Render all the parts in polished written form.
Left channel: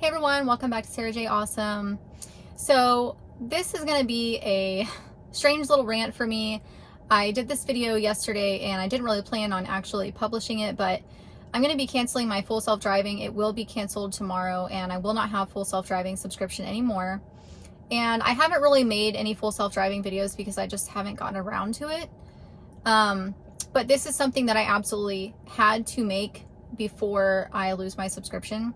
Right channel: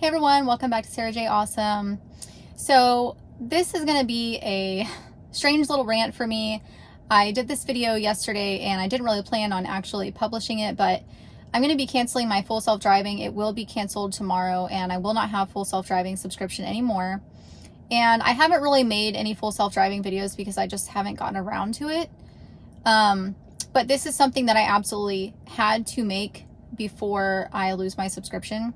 Hey everyone, welcome back to Sarah J. Awesome. So this is going to be a strange little rant for me. I did this video yesterday and I didn't really plan on actually publishing it, but I'm going to be canceling my full self-driving. It will be canceled tomorrow and I will not have full self-driving subscription anymore. And I haven't really made any full self-driving videos because I just haven't gotten around to it. But this is something that I absolutely had to make before I lose my subscription.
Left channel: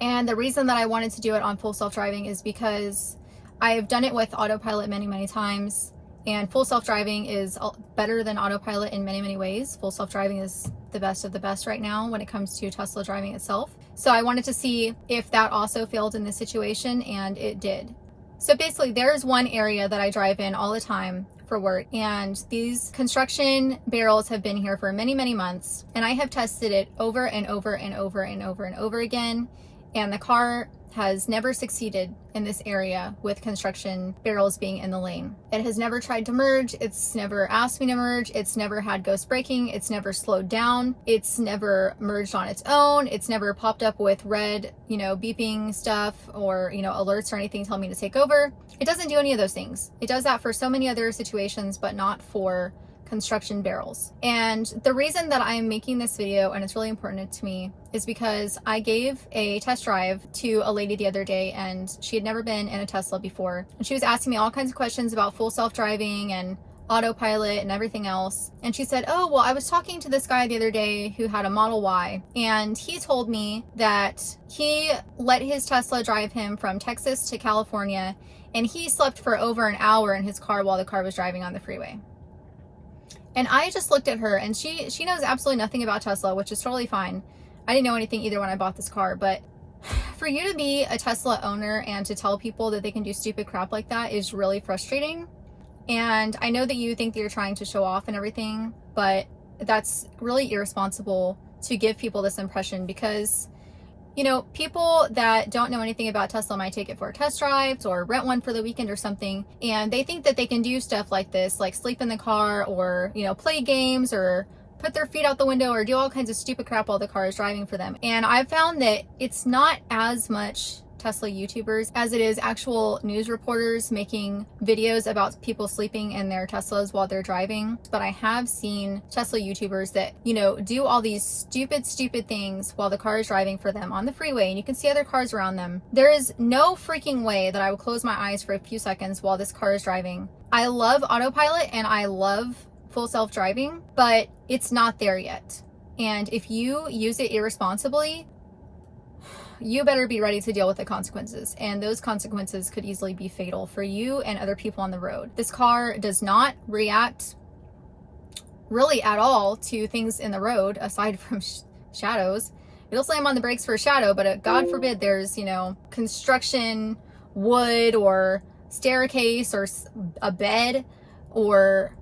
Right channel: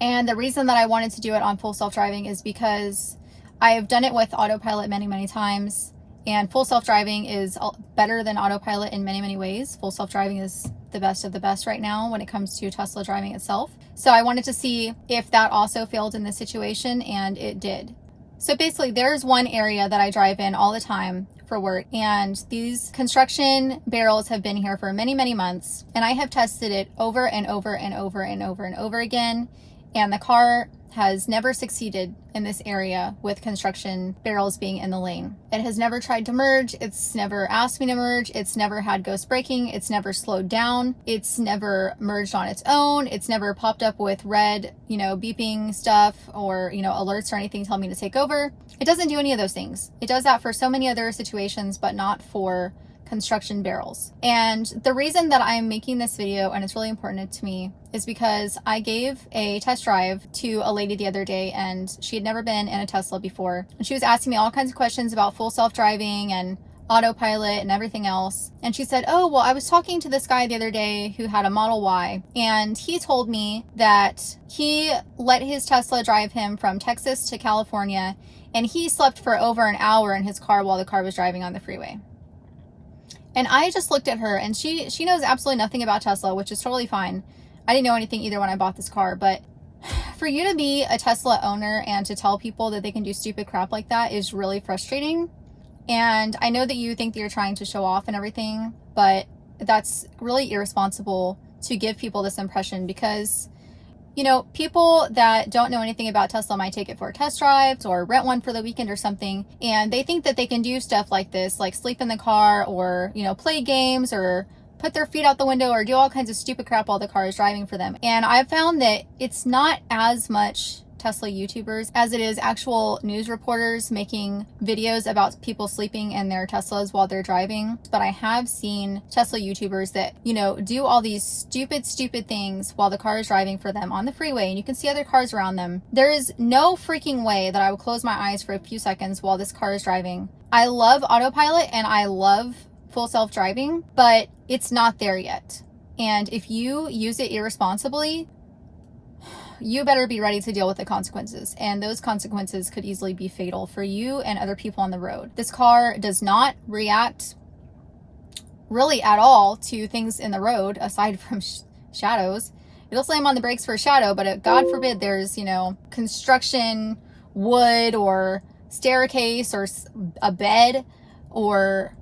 And the reason that I wanted to do it on full self-driving is because I've done it with Autopilot many times, and full self-driving is better than Autopilot in many ways. Full self-driving is the best of the best right now when it comes to Tesla driving itself. So I wanted to see if that also failed in this situation, and it did. So basically there's one area that I drive in all the time for work, and these construction barrels have been here for many months, and I have tested it over and over again. And the car has never succeeded in this area with construction barrels being in the lane. It has never tried to merge. It's never asked me to merge. It's never had ghost braking. It's never slowed down. It's never merged on its own. It's never popped up with red, beeping stuff or, alerts or anything telling me to take over. It doesn't do any of those things. It does that for so many other situations, but not for construction barrels. And the reason that I'm making this video, and it's really important to me, is because I gave a test drive to a lady the other day, and she had never been in a Tesla before. And she was asking me all kinds of questions about full self-driving and Autopilot and everything else. And she said, oh, well, I was talking to this guy the other day who had a Model Y, and he told me that he let his Tesla drive him from Texas to California, and he slept for over an hour in his car while the car was driving on the freeway. And I just looked at her, and she knows absolutely nothing about Tesla, which is totally fine. I didn't know anything either when I bought this car, but for you to be a Tesla owner and to tell people that they can do stupid crap like that is really frustrating. And I know that you think that you're trying to show off and everything, but that's really irresponsible to give people this impression because, people that don't know anything about Tesla might take it for test drives or rent one for the weekend or something, and they think that they can do stuff like this, like sleep in the car or, play games or put their feet out the window or do all kinds of stupid crap while the car is driving for them. And I've found that it's not as much Tesla YouTubers as it is actual news reporters making videos about people sleeping in their Teslas while they're driving. But I have seen Tesla YouTubers that, do all these stupid things while the car is driving for them on the freeway, and you can see other cars around them. There is no freaking way that I would close my eyes for a few seconds while this car is driving. I love Autopilot and I love full self-driving, but it's not there yet. And if you use it irresponsibly, you better be ready to deal with the consequences. And those consequences could easily be fatal for you and other people on the road. This car does not react really at all to things in the road aside from shadows. It'll slam on the brakes for a shadow, but God forbid there's, construction, wood or staircase or a bed or,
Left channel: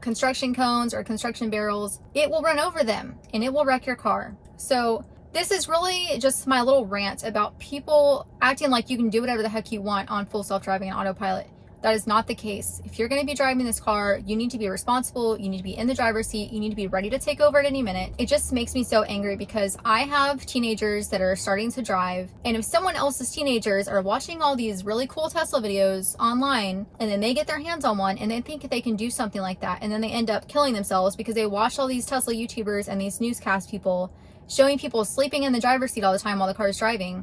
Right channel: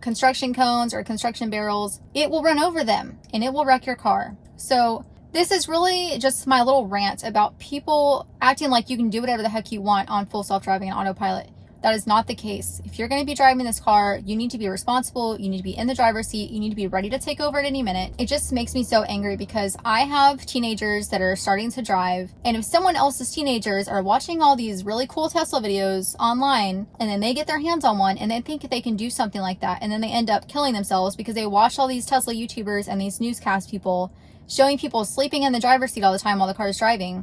construction cones or construction barrels. It will run over them and it will wreck your car. So this is really just my little rant about people acting like you can do whatever the heck you want on full self-driving and Autopilot. That is not the case. If you're going to be driving this car, you need to be responsible. You need to be in the driver's seat. You need to be ready to take over at any minute. It just makes me so angry because I have teenagers that are starting to drive. And if someone else's teenagers are watching all these really cool Tesla videos online, and then they get their hands on one and they think they can do something like that, and then they end up killing themselves because they watch all these Tesla YouTubers and these newscast people showing people sleeping in the driver's seat all the time while the car is driving.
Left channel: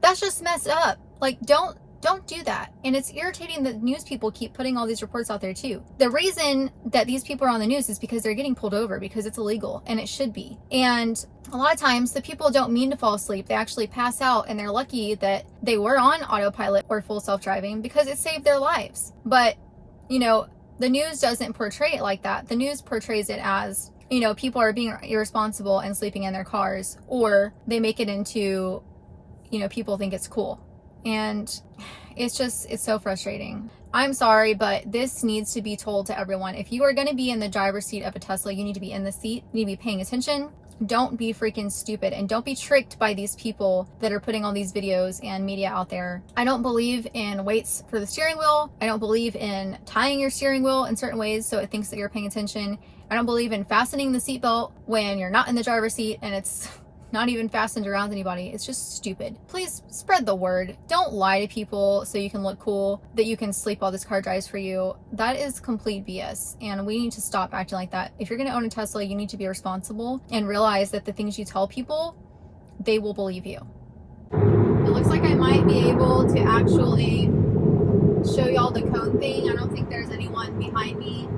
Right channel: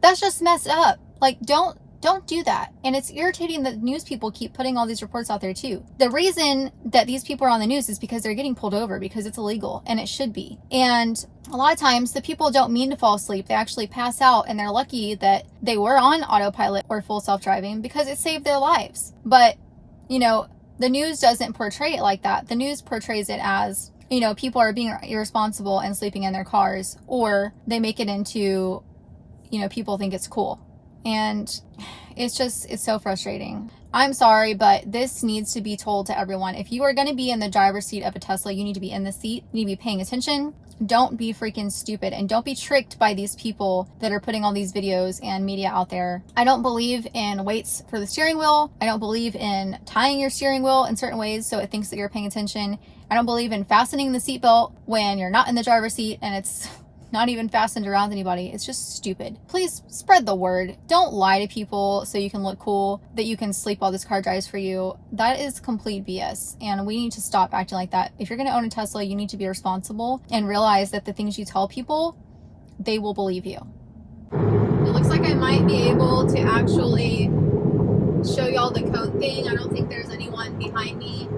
That's just messed up. Like, don't do that. And it's irritating that news people keep putting all these reports out there too. The reason that these people are on the news is because they're getting pulled over because it's illegal, and it should be. And a lot of times the people don't mean to fall asleep. They actually pass out, and they're lucky that they were on Autopilot or full self-driving because it saved their lives. But, the news doesn't portray it like that. The news portrays it as, people are being irresponsible and sleeping in their cars, or they make it into, people think it's cool. And it's so frustrating. I'm sorry, but this needs to be told to everyone. If you are going to be in the driver's seat of a Tesla, you need to be in the seat. You need to be paying attention. Don't be freaking stupid, and don't be tricked by these people that are putting all these videos and media out there. I don't believe in weights for the steering wheel. I don't believe in tying your steering wheel in certain ways so it thinks that you're paying attention. I don't believe in fastening the seatbelt when you're not in the driver's seat and it's not even fastened around anybody. It's just stupid. Please spread the word. Don't lie to people so you can look cool, that you can sleep while this car drives for you. That is complete BS, and we need to stop acting like that. If you're going to own a Tesla, you need to be responsible and realize that the things you tell people, they will believe you. It looks like I might be able to actually show y'all the cone thing. I don't think there's anyone behind me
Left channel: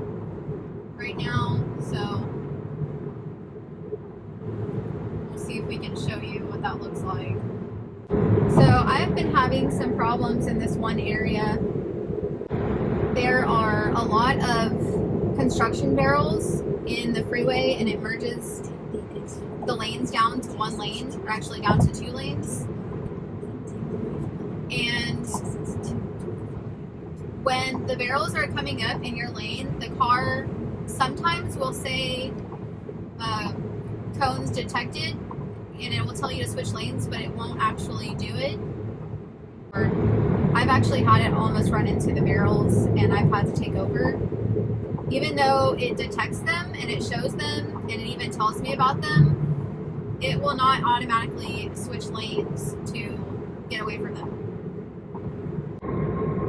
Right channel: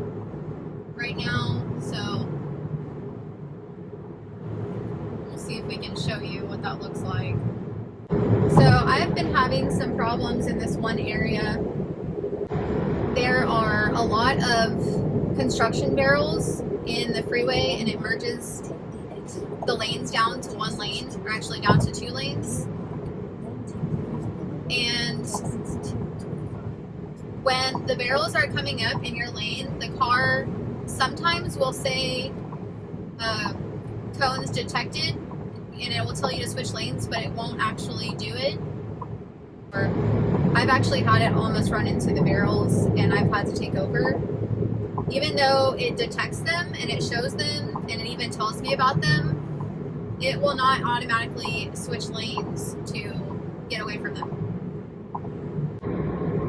right now, so we'll see if we can show you what that looks like. So I have been having some problems in this one area. There are a lot of construction barrels in the freeway, and it merges the lanes down to one lane, or actually down to 2 lanes. And when the barrels are coming up in your lane, the car sometimes will say cones detected, and it will tell you to switch lanes, but it won't actually do it. Or I've actually had it almost run into the barrels, and I've had to take over. Even though it detects them and it shows them and it even tells me about them, it will not automatically switch lanes to get away from them.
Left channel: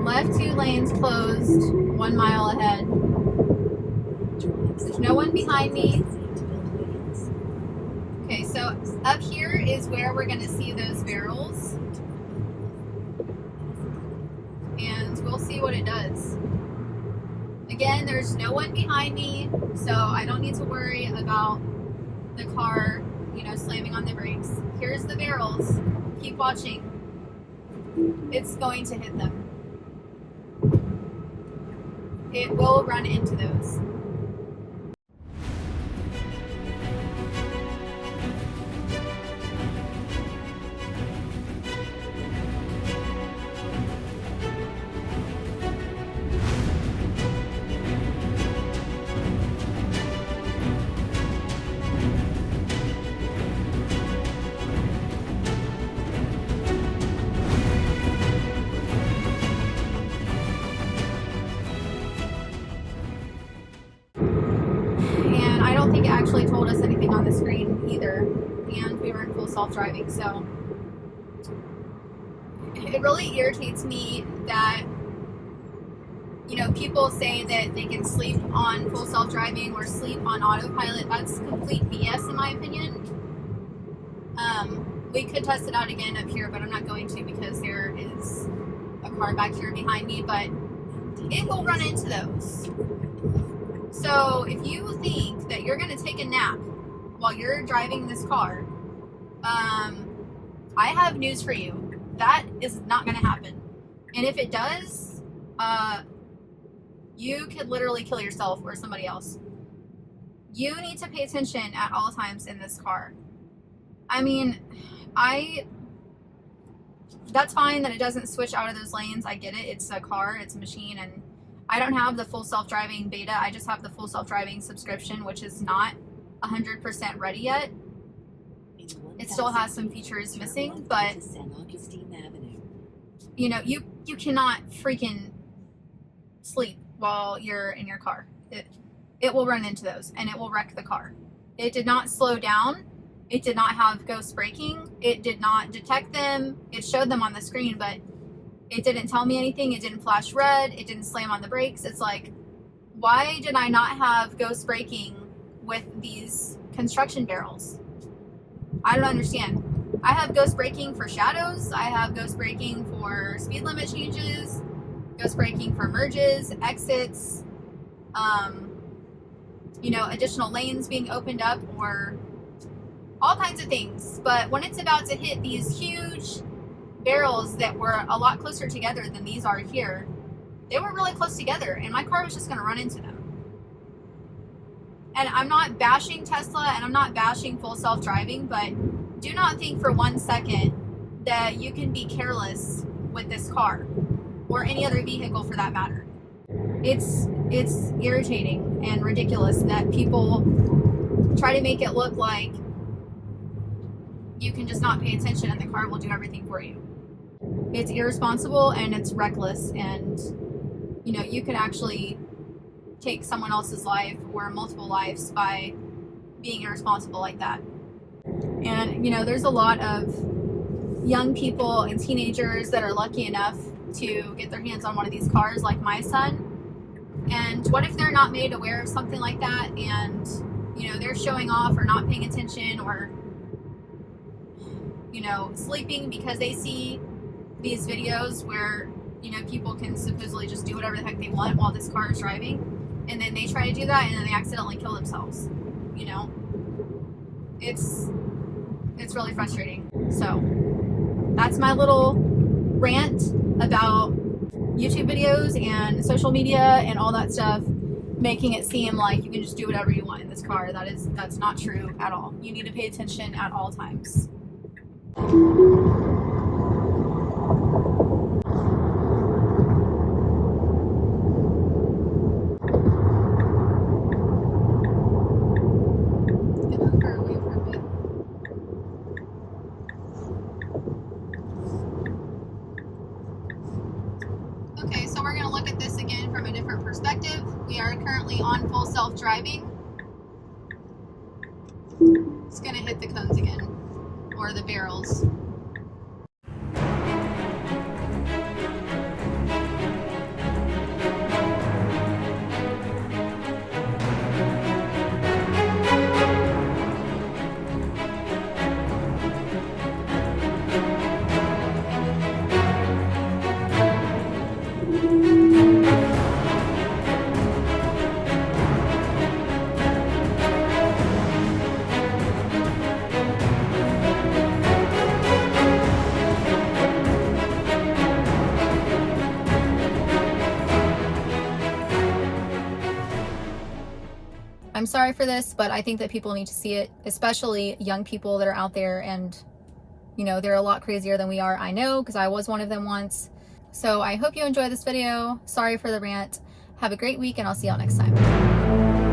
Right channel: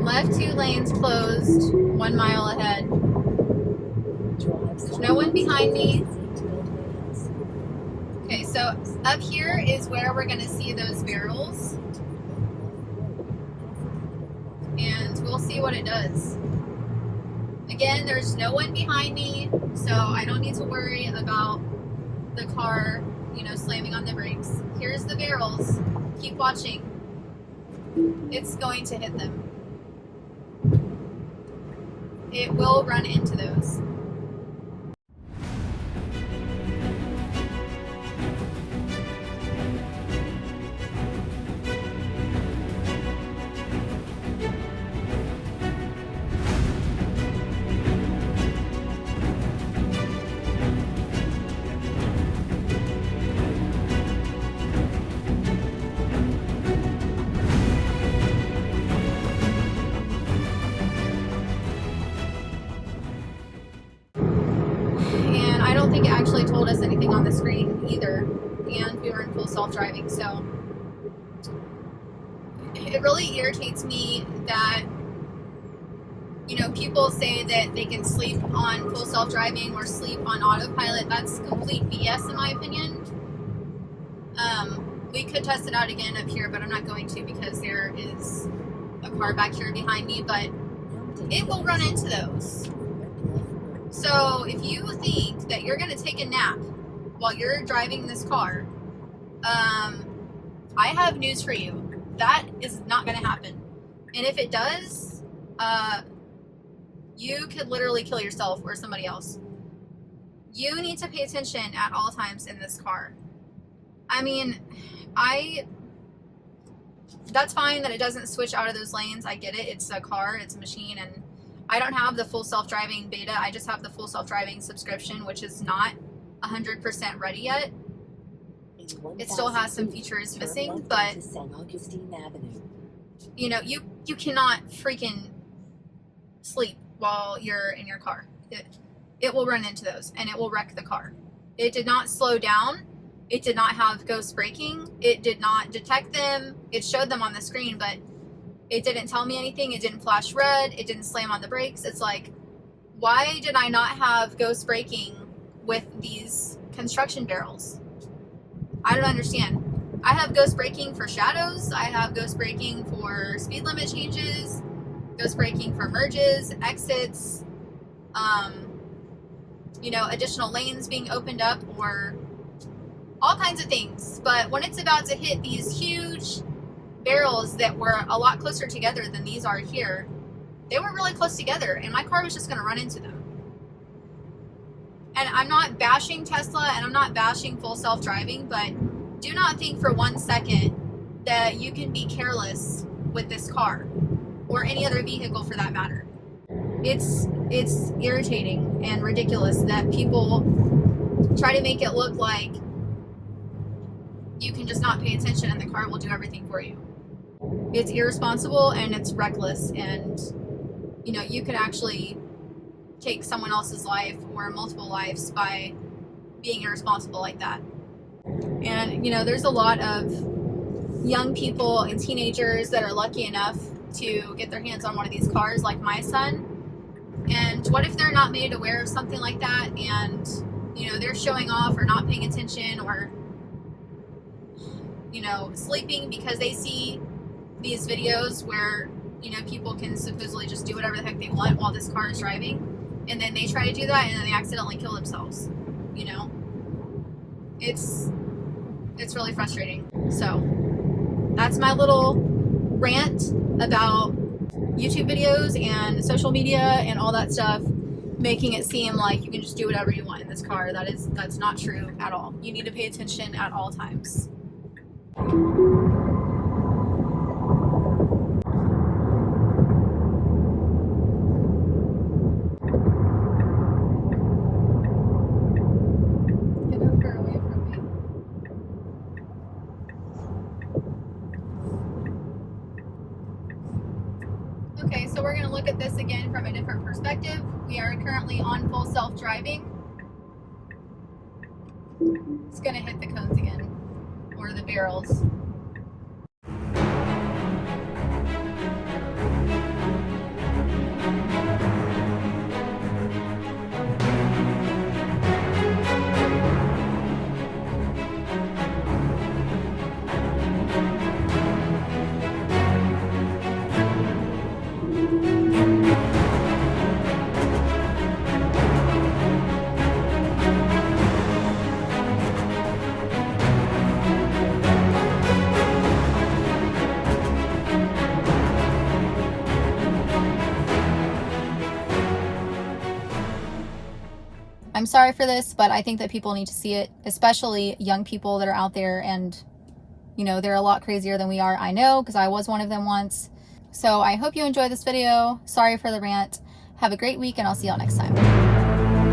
Left 2 lanes closed, 1 mile ahead. There's no one behind me. Okay, so up here is where we're going to see those barrels. And we'll see what it does. Again, there's no one behind me, so I don't need to worry about the car, slamming on the brakes. Here's the barrels. Keep watching. It's going to hit them. It will run into those. I don't think it actually told us anything on the screen either, and we were in full self-driving, so it really irritates me that people say that they can sleep on full self-driving or sleep on autopilot. That's complete BS in my opinion. We could test it out again up here, but I'm not going to because there is a car back here behind me, but it will run into those. So if you think that you're going to take a nap while you're driving this car, I have news for you. That is not going to happen. And if it does, you could literally kill yourself or somebody else. You need to pay attention at all times in this car. I mean, that's fine that it doesn't switch out of those lanes. I get it. It's a car, it's a machine, and I don't have the full self-driving beta. I just have the full self-driving subscription, which is not 100% ready yet. It still has some features missing, but you cannot freaking sleep while you're in your car. It will run into those and it will wreck the car. It did not slow down. It did not have ghost braking. It did not detect them. It showed them on the screen, but it didn't tell me anything. It didn't flash red. It didn't slam on the brakes. It's like, why did I not have ghost braking with these construction barrels? I don't understand. I have ghost braking for shadows. I have ghost braking for speed limit changes, ghost braking for merges, exits, additional lanes being opened up, or all kinds of things. But when it's about to hit these huge barrels that were a lot closer together than these are here, they were really close together, and my car was just going to run into them. And I'm not bashing Tesla, and I'm not bashing full self-driving, but do not think for 1 second that you can be careless with this car, or any other vehicle for that matter. It's irritating and ridiculous that people try to make it look like you can just not pay attention and the car will do everything for you. It's irresponsible and it's reckless, and you could actually take someone else's life or multiple lives by being irresponsible like that. And, you know, there's a lot of young people and teenagers that are lucky enough to get their hands on one of these cars, like my son. And what if they're not made aware of something like that, and, you know, they're showing off or not paying attention, or, you know, sleeping because they see these videos where, you know, people can supposedly just do whatever the heck they want while this car is driving, and then they try to do that and then they accidentally kill themselves. You know, it's really frustrating. So that's my little rant about YouTube videos and social media and all that stuff, making it seem like you can just do whatever you want in this car. That's not true at all. You need to pay attention at all times. Get over away from me. Okay, so we're going to look at this again from a different perspective. We are currently on full self-driving. It's going to hit the cones again, or the barrels. I'm sorry for this, but I think that people need to see it, especially young people that are out there, and, you know, they're a lot crazier than we are. I know, because I was one of them once. So I hope you enjoyed this video. Sorry for the rant. Have a great week, and I'll see y'all next time.